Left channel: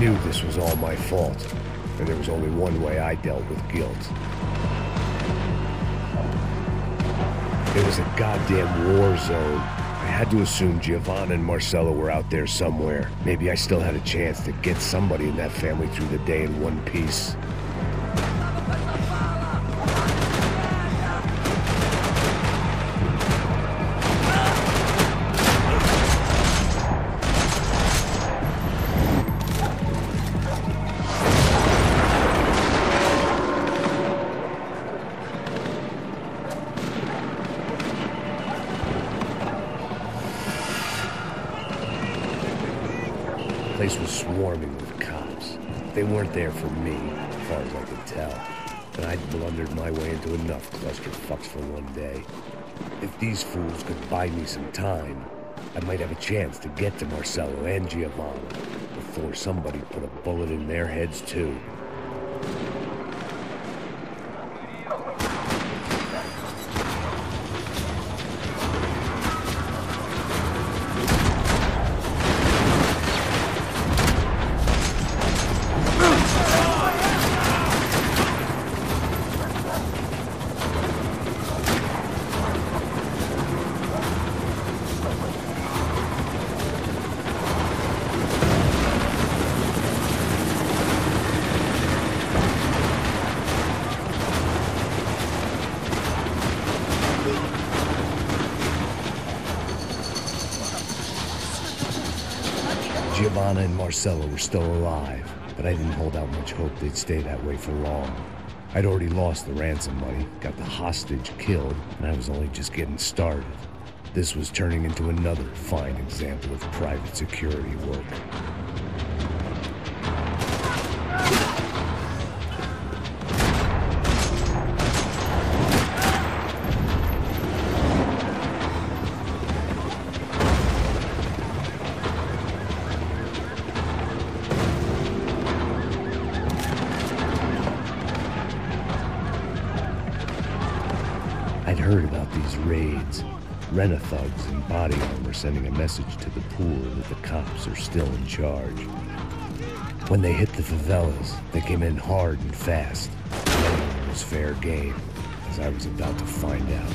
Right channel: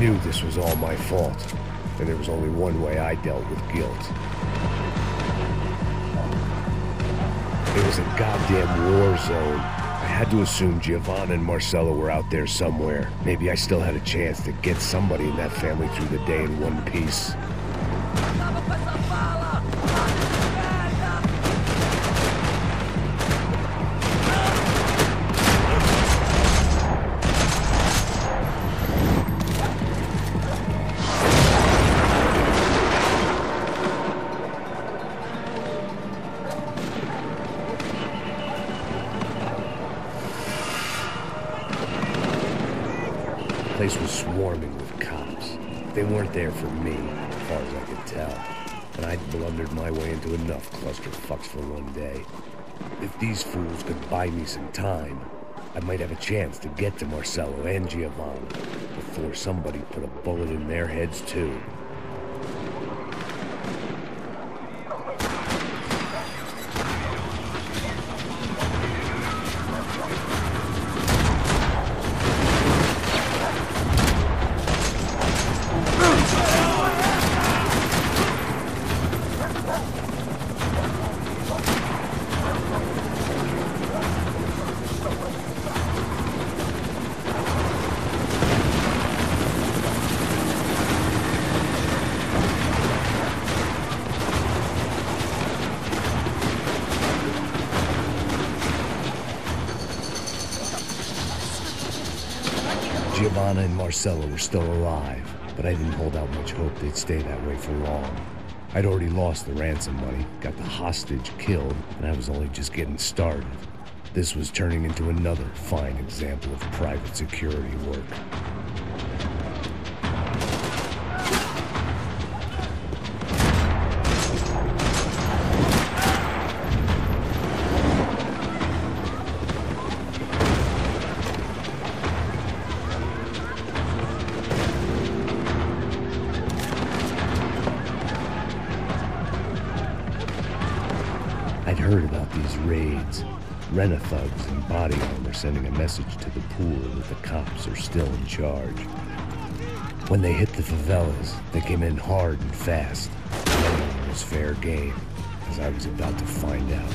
knew this was all my fault, and there was only one way I dealt with guilt. It was a goddamn war zone. I had to assume Giovanna and Marcello were out there somewhere. Maybe I still had a chance to get somebody in that family through the day in one piece. The place was swarming with cops. They weren't there for me, as far as I could tell, and I'd blundered my way into enough clusterfucks for one day. If these fools could buy me some time, I might have a chance to get to Marcello and Giovanna before somebody put a bullet in their heads too. Giovanna and Marcello were still alive, but I didn't hold out much hope they'd stay that way for long. I'd already lost the ransom money, got the hostage killed, and I was only just getting started. This was turning into another fine example of private security work. I'd heard about these raids, Rena-thugs in body armor sending a message to the poor that the cops are still in charge. When they hit the favelas, they came in hard and fast. Nothing was fair game, as I was about to find out.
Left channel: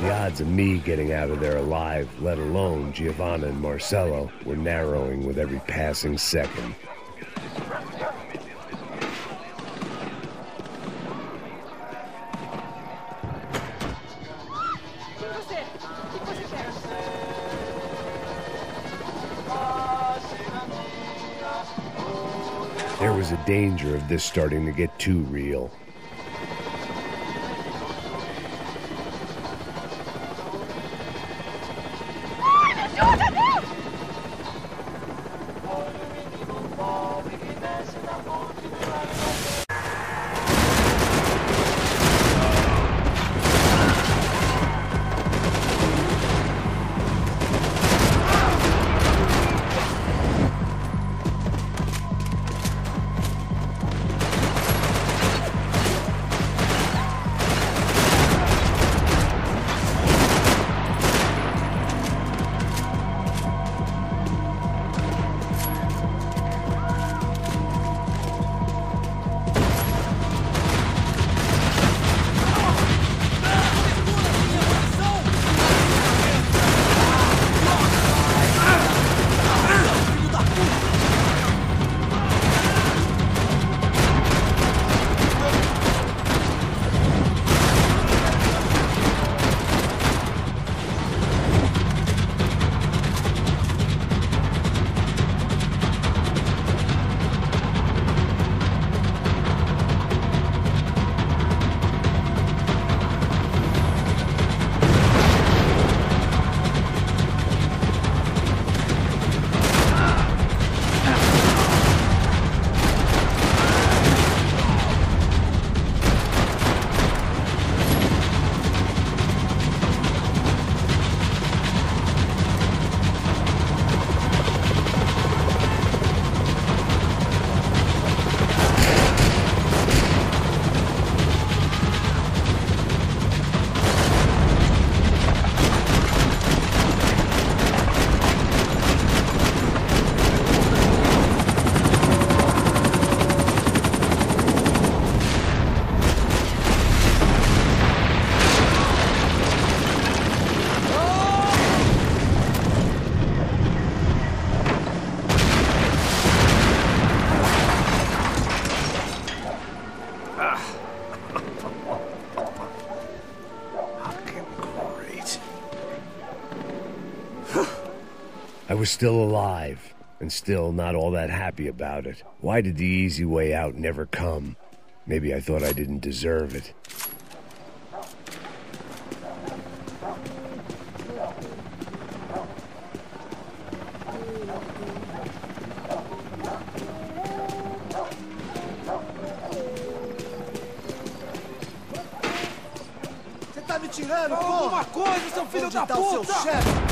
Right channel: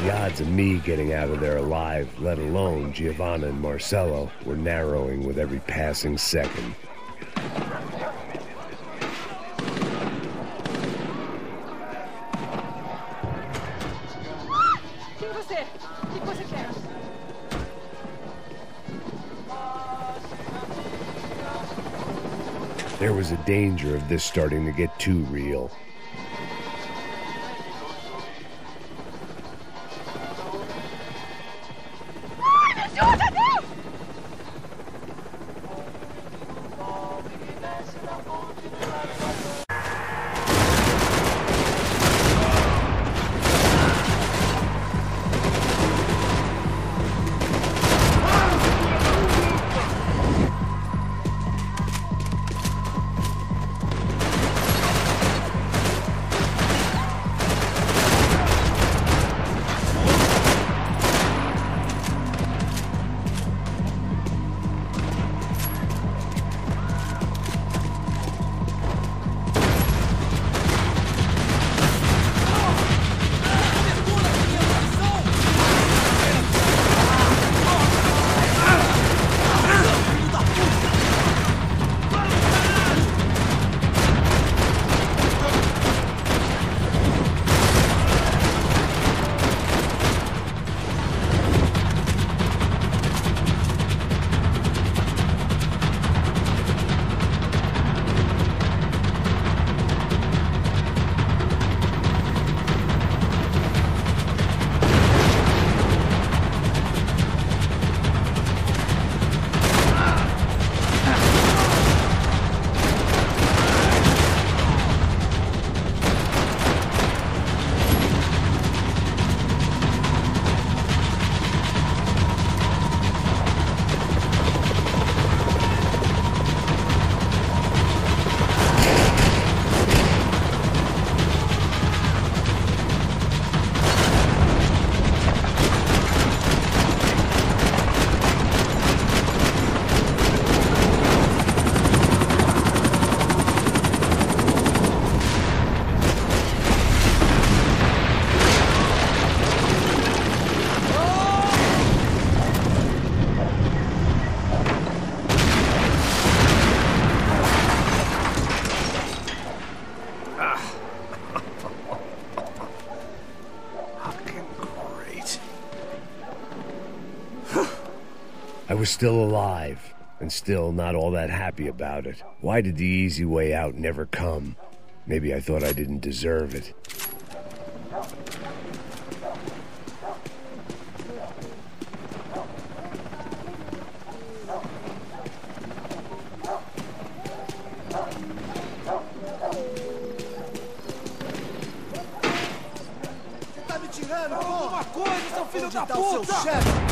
The odds of me getting out of there alive, let alone Giovanna and Marcello, were narrowing with every passing second. There was a danger of this starting to get too real. I was still alive, and still not all that happy about it. Why did the easy way out never come? Maybe I thought I didn't deserve it. Você tá me tirando, Fala porra? alguma coisa, seu filho Onde da tá puta! o seu chefe?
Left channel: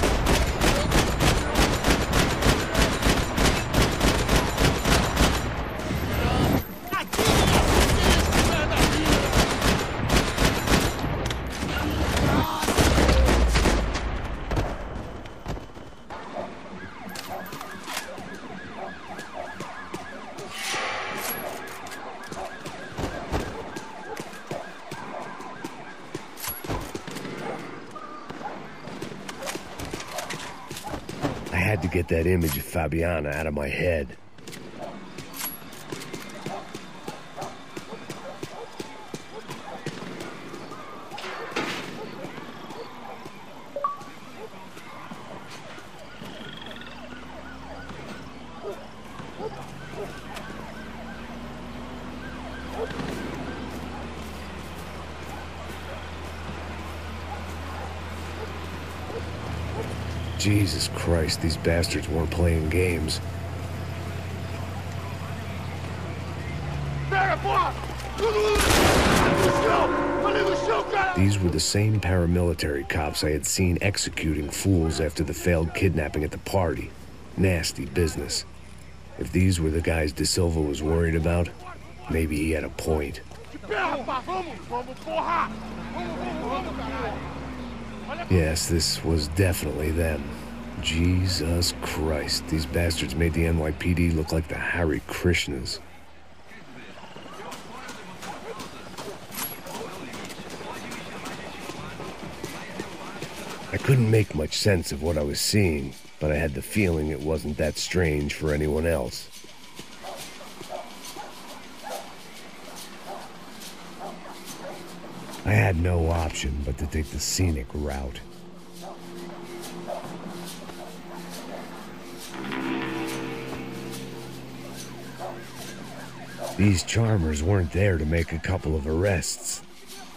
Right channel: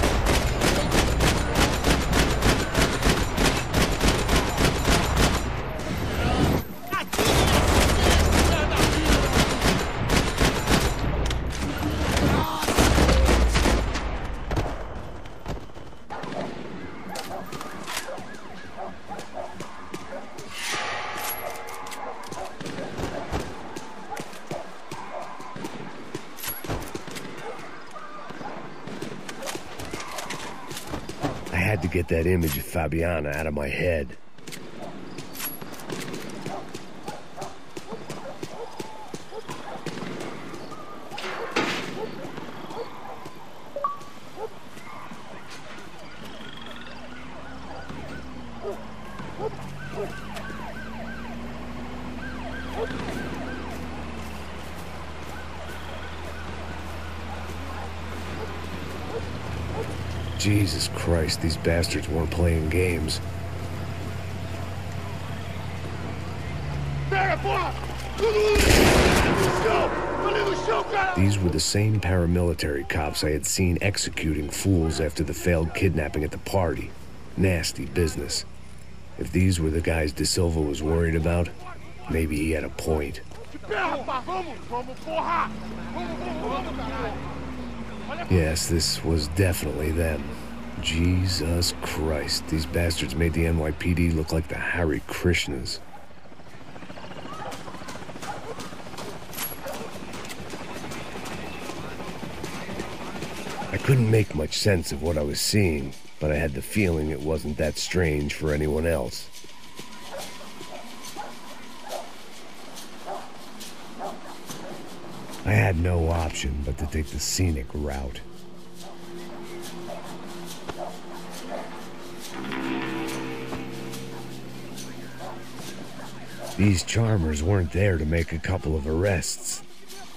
I had to get that image of Fabiana out of my head. Jesus Christ, these bastards weren't playing games. These were the same paramilitary cops I had seen executing fools after the failed kidnapping at the party. Nasty business. If these were the guys De Silva was worried about, maybe he had a point. Yes, this was definitely them. Jesus Christ, these bastards made the NYPD look like the Hare Krishnas. I couldn't make much sense of what I was seeing, but I had the feeling it wasn't that strange for anyone else. I had no option but to take the scenic route. These charmers weren't there to make a couple of arrests.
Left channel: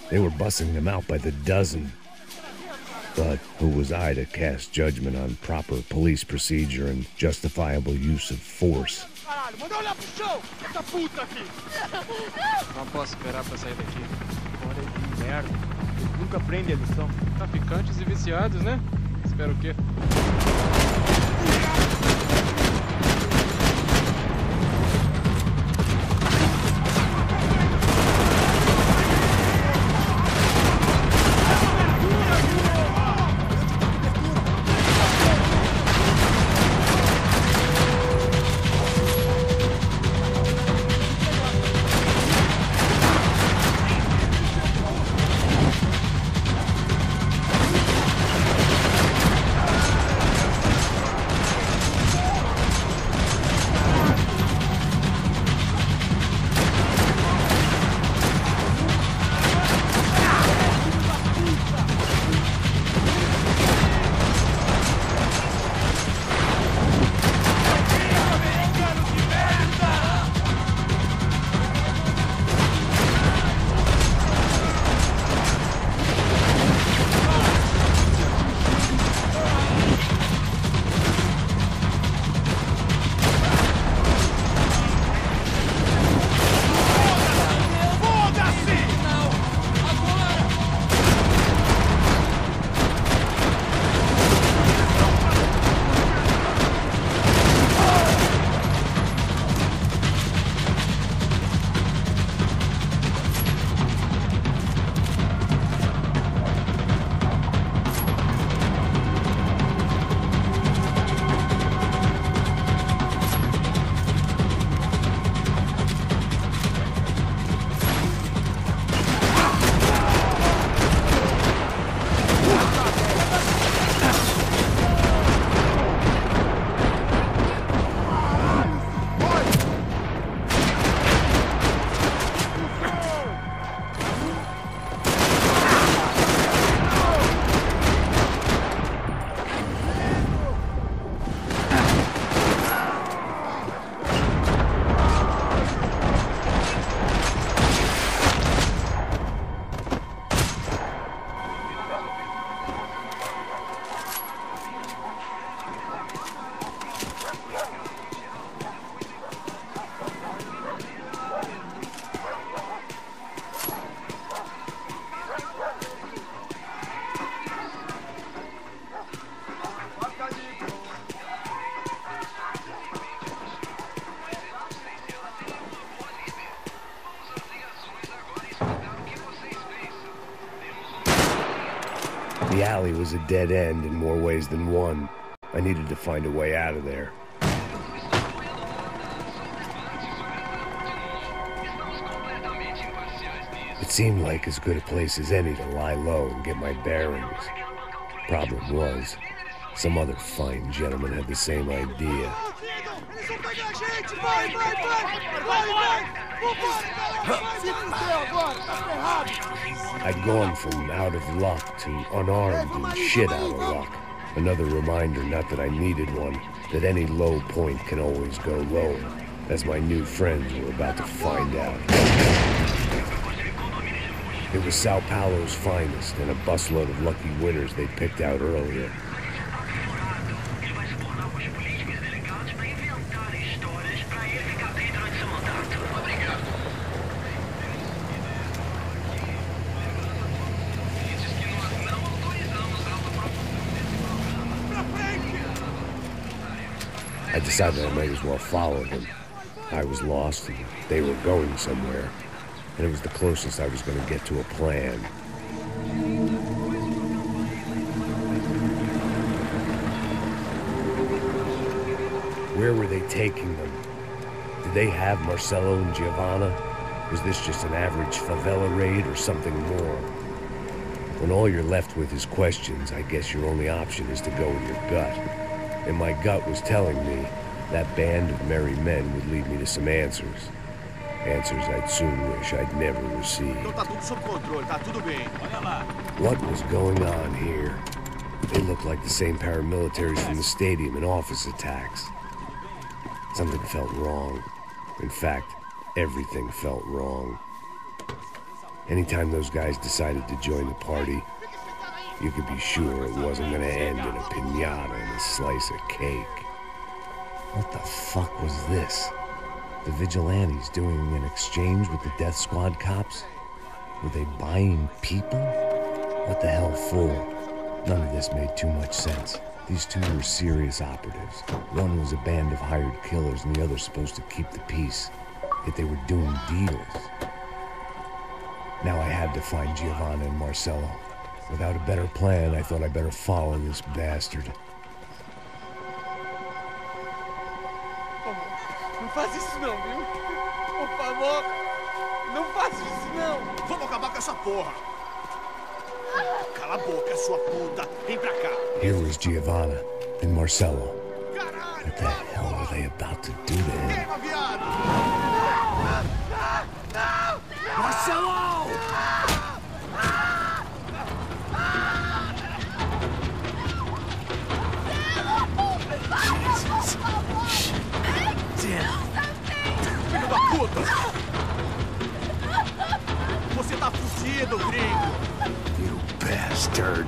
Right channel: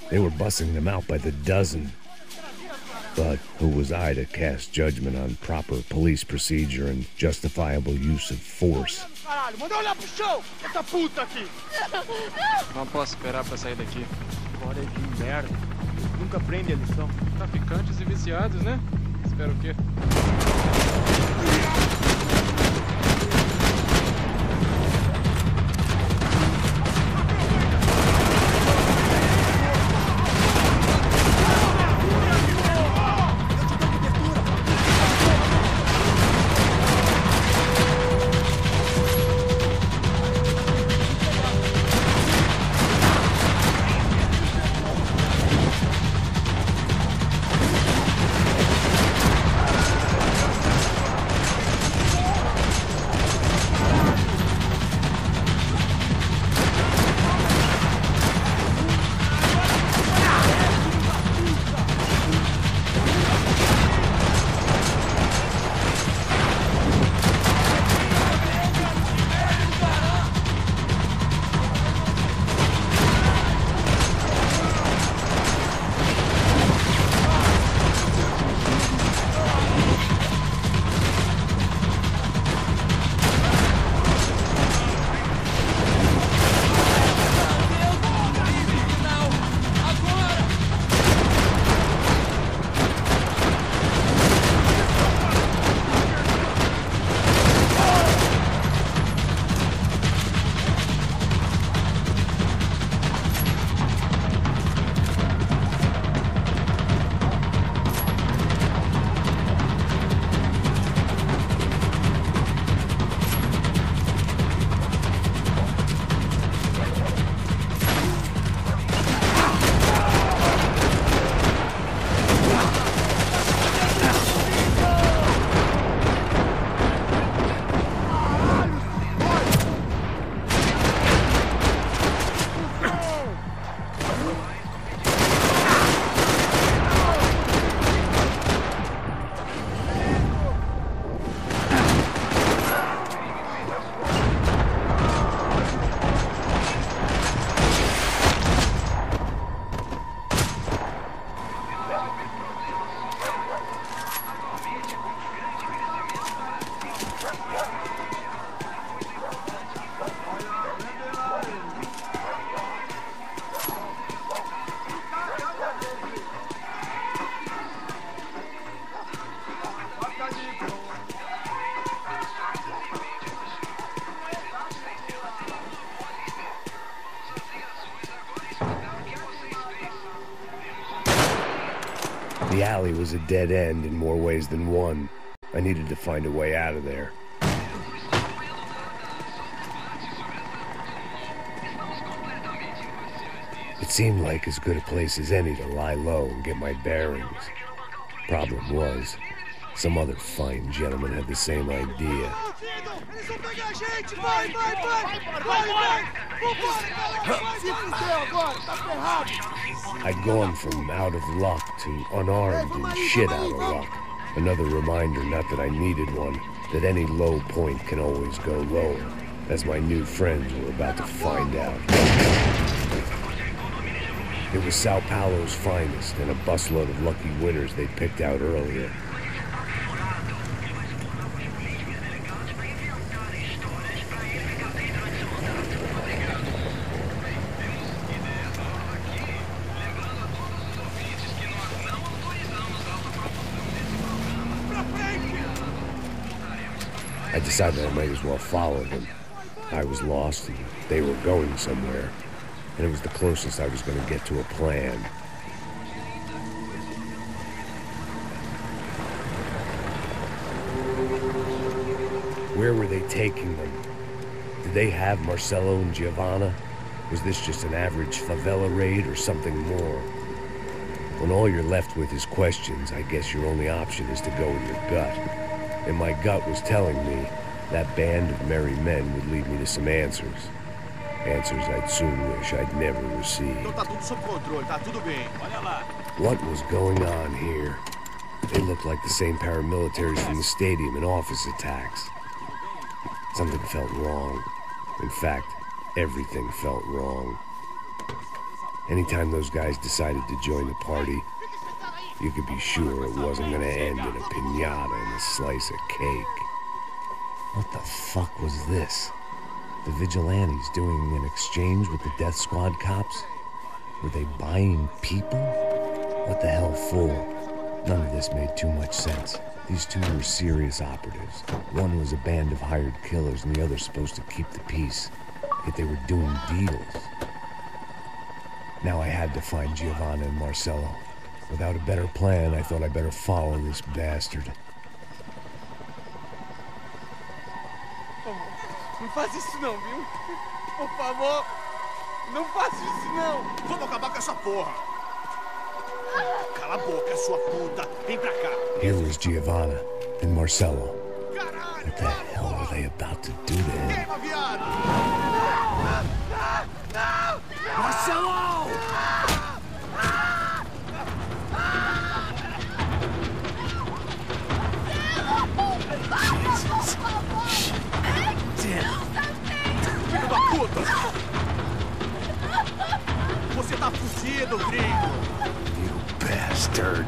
They were bussing them out by the dozen. But who was I to cast judgment on proper police procedure and justifiable use of force? Não posso esperar pra sair daqui. Olha de merda. Eles nunca aprendem a lição. Traficantes e viciados, né? Espero o quê? The alley was a dead end in more ways than one. I needed to find a way out of there. It seemed like as good a place as any to lie low and get my bearings. Problem was, some other fine gentleman had the same idea. I'd gone from out of luck to unarmed and shit out of luck. Another reminder, not that I needed one, that any low point can always go lower, as my new friends were about to find out. It was Sao Paulo's finest, and a busload of lucky winners they'd picked out earlier. I decided I might as well follow them. I was lost and they were going somewhere, and it was the closest I was going to get to a plan. Where were they taking them? Did they have Marcelo and Giovanna? Was this just an average favela raid or something more? When all you're left with is questions, I guess your only option is to go with your gut. And my gut was telling me that band of merry men would lead me to some answers. Answers I'd soon wish I'd never received. What was going on here? They looked like the same paramilitaries from the stadium in office attacks. Something felt wrong. In fact, everything felt wrong. Anytime those guys decided to join the party, you could be sure it wasn't gonna end in a piñata and a slice of cake. What the fuck was this? The vigilantes doing an exchange with the death squad cops? Were they buying people? What the hell for? None of this made too much sense. These two were serious operatives. One was a band of hired killers and the other supposed to keep the peace. Yet they were doing deals. Now I had to find Giovanna and Marcello. Without a better plan, I thought I'd better follow this bastard. Por favor, não faz isso não, viu? Por favor, não faça isso não. Vamos acabar com essa porra. Cala a boca, sua puta. Vem pra cá. Here was Giovanna and Marcello. What the hell were they about to do to him? Queima, viado! Marcelo! Jesus. Damn. Filho da puta! Você tá fudido, gringo! You bastard.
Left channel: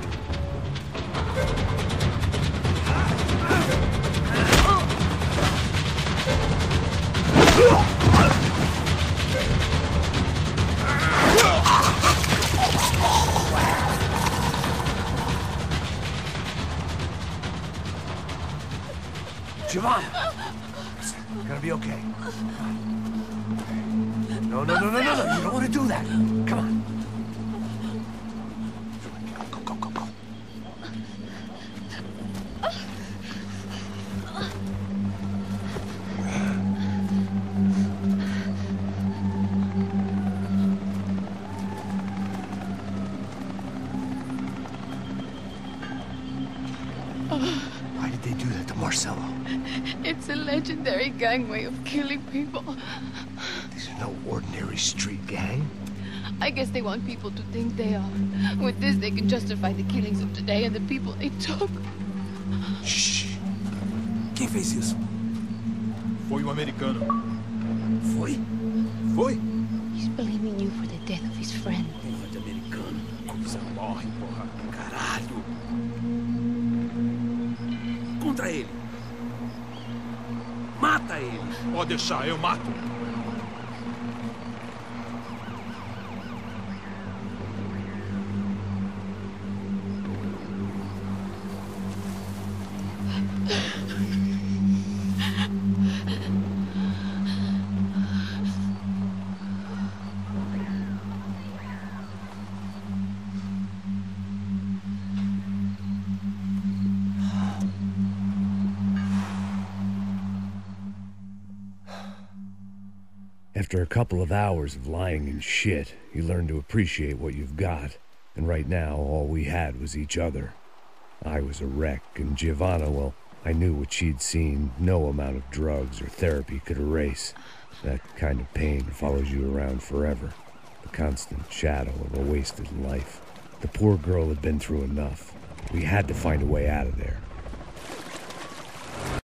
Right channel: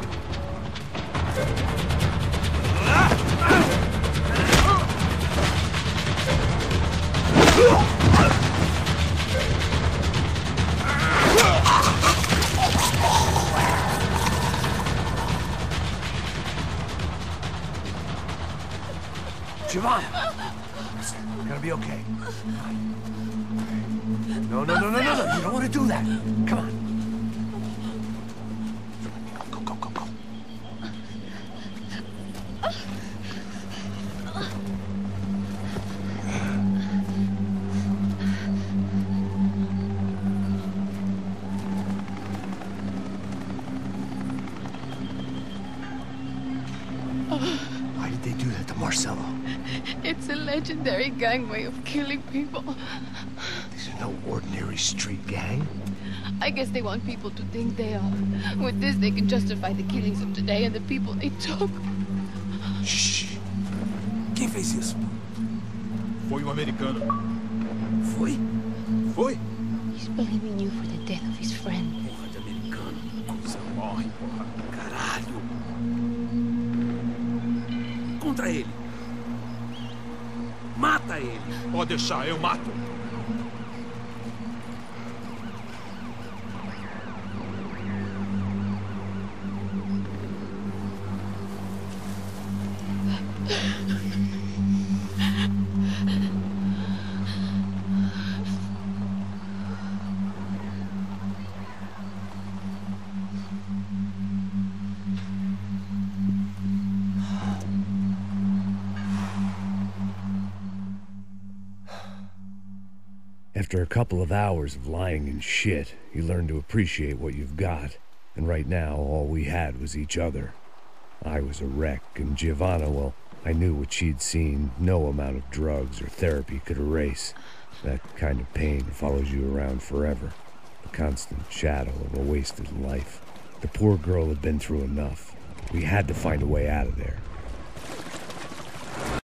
Giovanna! It's gonna be okay. No. You don't want to do that. Come on. Go. Why did they do that to Marcello? It's a legendary gang way of killing people. These are no ordinary street gang. I guess they want people to think they are. With this, they can justify the killings of today and the people they took. Shh. Quem fez isso? Foi um americano. Foi? Foi? He's blaming you for the death of his friend. Porra de americano. Cusão, morre, porra. Caralho. Contra ele. Mata ele. Pode deixar, eu mato. After a couple of hours of lying in shit, you learn to appreciate what you've got. And right now, all we had was each other. I was a wreck, and Giovanna, well, I knew what she'd seen no amount of drugs or therapy could erase. That kind of pain follows you around forever. The constant shadow of a wasted life. The poor girl had been through enough. We had to find a way out of there.